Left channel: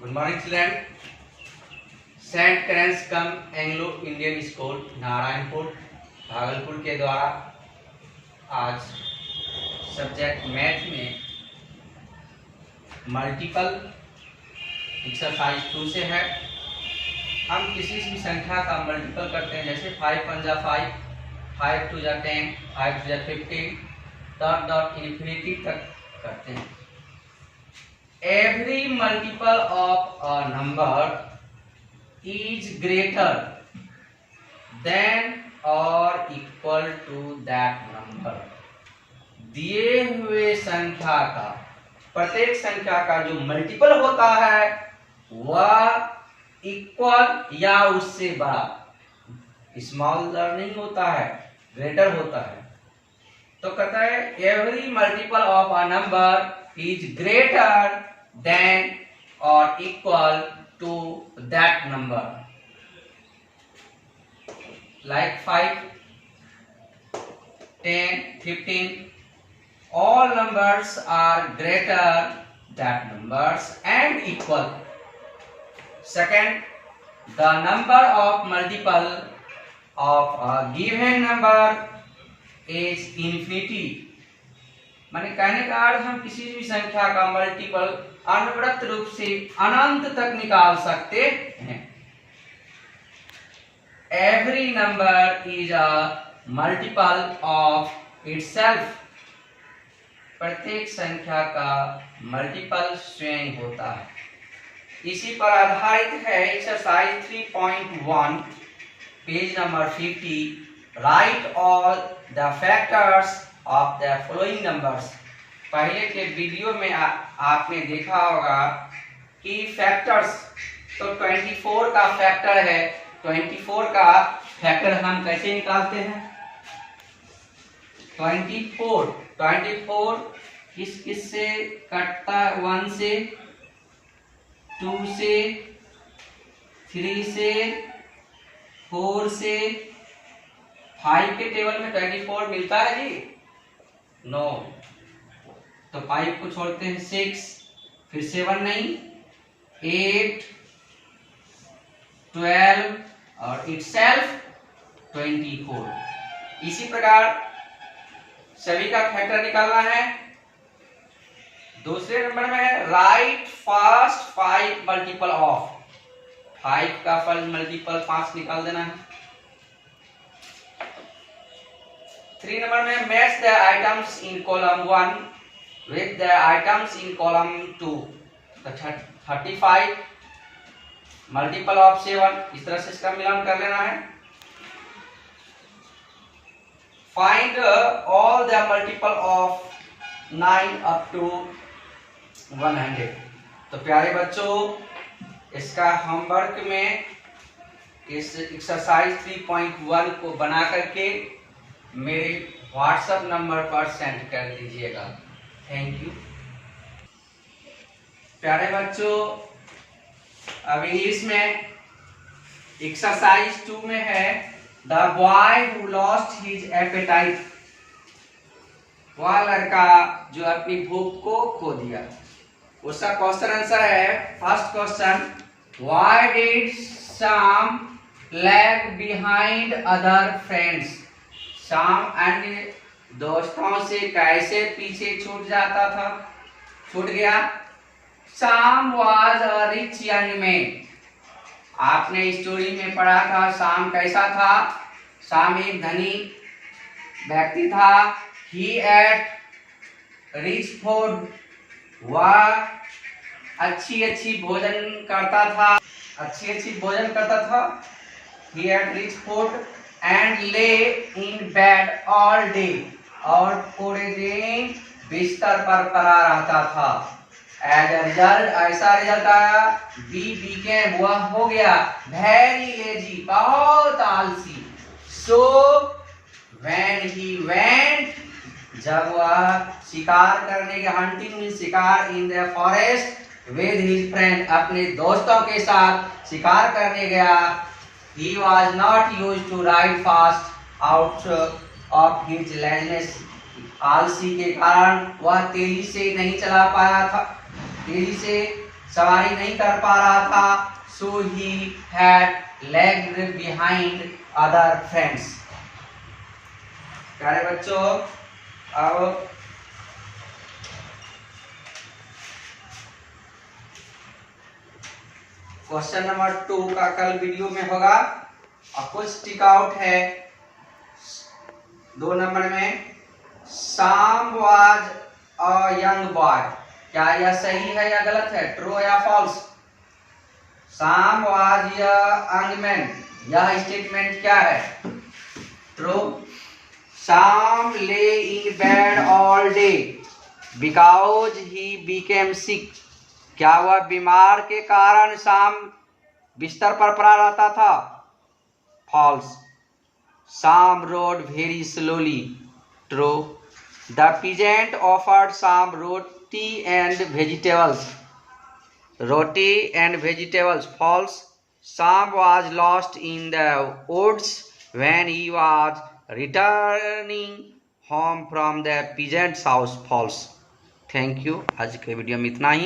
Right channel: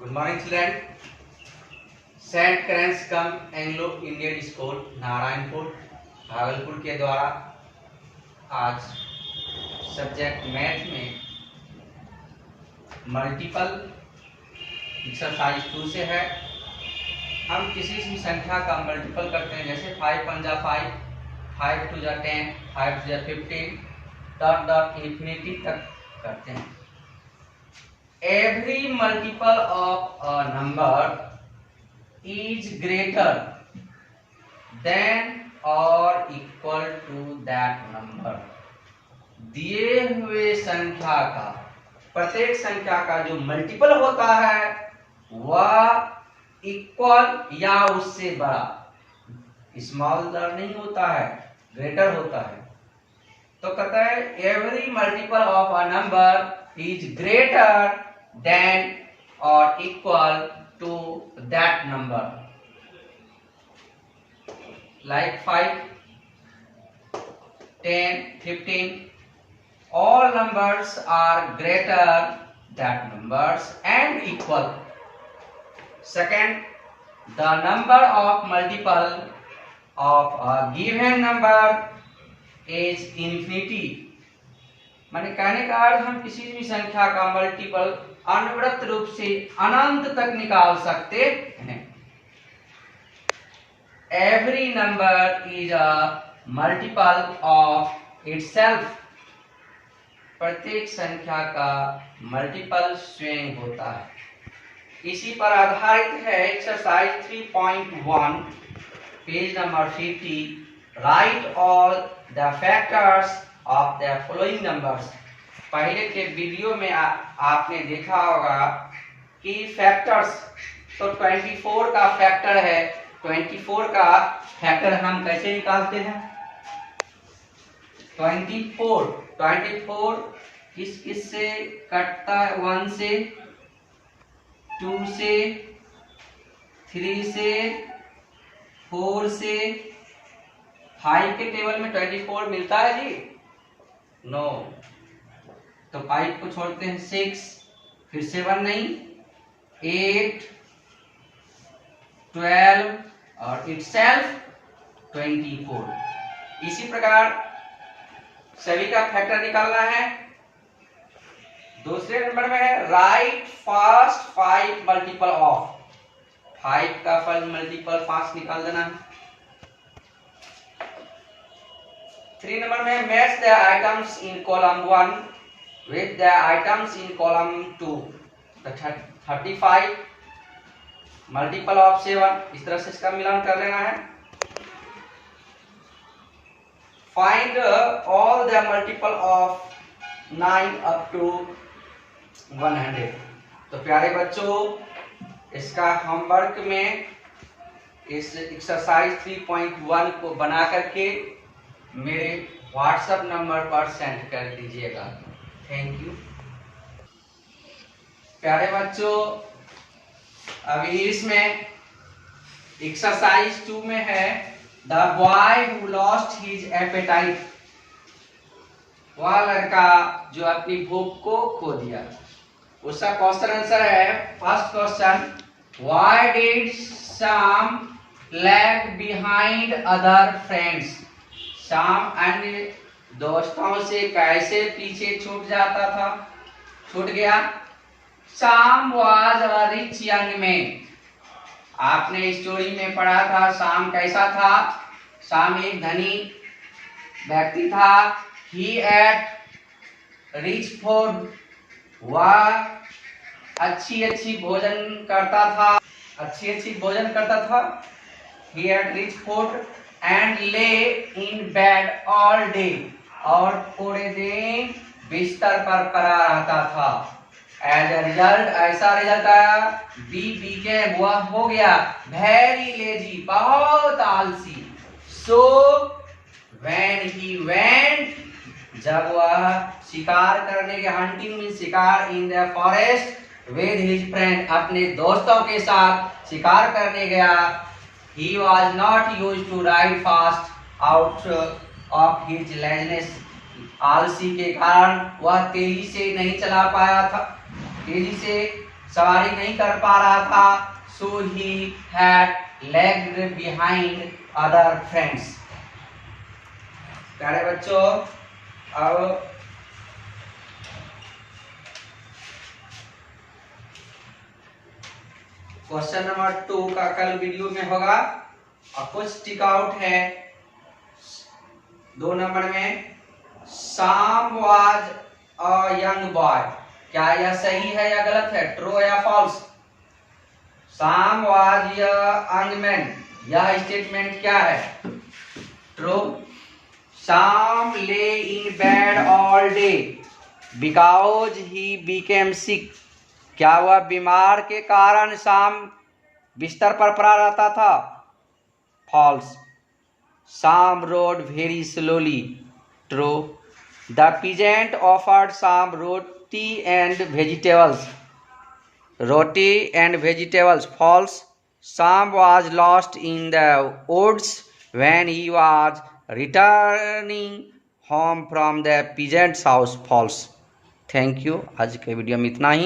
Good morning children. Saint क्रेंस cum Anglo Indian school Narayanpur Bhagalpur के द्वारा आज सब्जेक्ट मैथ में मल्टीपल एक्सरसाइज 2 से है। हम किसी भी संख्या का मल्टीपल करते हैं, जैसे 5 × 5, 5 × 10, 5 × 15 डॉट डॉट इन्फिनिटी तक करते हैं। Every multiple of a number is greater than or equal to that number। दिए हुए संख्या का, प्रत्येक संख्या का जो मल्टीपल होता है वह इक्वल या उससे बड़ा, स्मॉलर नहीं होता है, ग्रेटर होता है। तो कहता है every multiple of a number is greater than or equal to that number, like 5, 10, 15, all numbers are greater than numbers and equal। Second, the number of multiple of a given number is infinity। माने कहने का अर्थ हम किसी भी संख्या का multiple अनवरत रूप से अनंत तक निकाल सकते हैं। Every number is a multiple of itself. प्रत्येक संख्या का मल्टीपल स्वयं होता है। इसी पर आधारित है exercise 3.1 page number 50। Right all the factors of the following numbers. पहले के वीडियो में आपने देखा होगा कि फैक्टर्स, तो 24 का फैक्टर है। 24 का फैक्टर हम कैसे निकालते हैं? 24 किस किस से कटता है? 1 से, 2 से, 3 से, 4 से। 5 के टेबल में 24 मिलता है जी? नो। तो 5 को छोड़ते हैं 6, फिर 7 नहीं, 8, 12 और इटसेल्फ 24। इसी प्रकार सभी का फैक्टर निकालना है। दूसरे नंबर में है राइट फर्स्ट 5 मल्टीपल ऑफ। 5 का फर्स्ट मल्टीपल 5 निकाल देना है। 3 नंबर में match the items in column 1 with the items in column 2। 35 multiple of 7, इस तरह से इसका मिलान कर लेना है। Find all the multiple of 9 up to 100। तो प्यारे बच्चों, इसका होमवर्क में इस एक्सरसाइज 3.1 को बना करके मेरे व्हाट्सएप नंबर पर सेंड कर दीजिएगा। Thank you. प्यारे बच्चों, अब इंग्लिश में एक्सरसाइज 2 में है the boy who lost his appetite. वह लड़का जो अपनी भूख को खो दिया। उसका क्वेश्चन आंसर है, first question, why did Sam lag behind other friends. Sham अन्य दोस्तों से कैसे पीछे छूट जाता था, छूट गया। शाम was a rich young man. आपने स्टोरी में पढ़ा था शाम कैसा था? शाम एक धनी व्यक्ति था। ही एट रिच फूड। वह अच्छी भोजन करता था, अच्छी भोजन करता था। ही एट रिच फूड एंड ले इन बेड ऑल डे। और पूरे दिन बिस्तर पर पड़ा रहता था। एज अ रिजल्ट, ऐसा रिजल्ट आया, बी बिकेम, वह हो गया वेरी लेजी, बहुत आलसी। सो व्हेन ही वेंट, जब वह शिकार करने के, हंटिंग मीन शिकार, in the forest with his friend, अपने दोस्तों के साथ शिकार करने गया। He was not used to ride fast out of his laziness. आलसी के कारण वह तेजी से नहीं चला पाया था, तेजी से सवारी नहीं कर पा रहा था, so he had lagged behind other friends. प्यारे बच्चों, अब क्वेश्चन नंबर 2 का कल वीडियो में होगा और कुछ टिक आउट है 2 नंबर में। शाम वाज अ यंग बॉय, क्या यह सही है या गलत है, ट्रू या false? Sham was a young man, यह स्टेटमेंट क्या है, true. Sham lay in bed all day because he became sick, क्या वह बीमार के कारण शाम बिस्तर पर पड़ा रहता था, false. Sham rode very slowly, true. The peasant offered Sham roti and vegetables, roti and vegetables, false. Sham was lost in the woods when he was returning home from the peasant's house, false। Thank you. आज के वीडियो में इतना ही।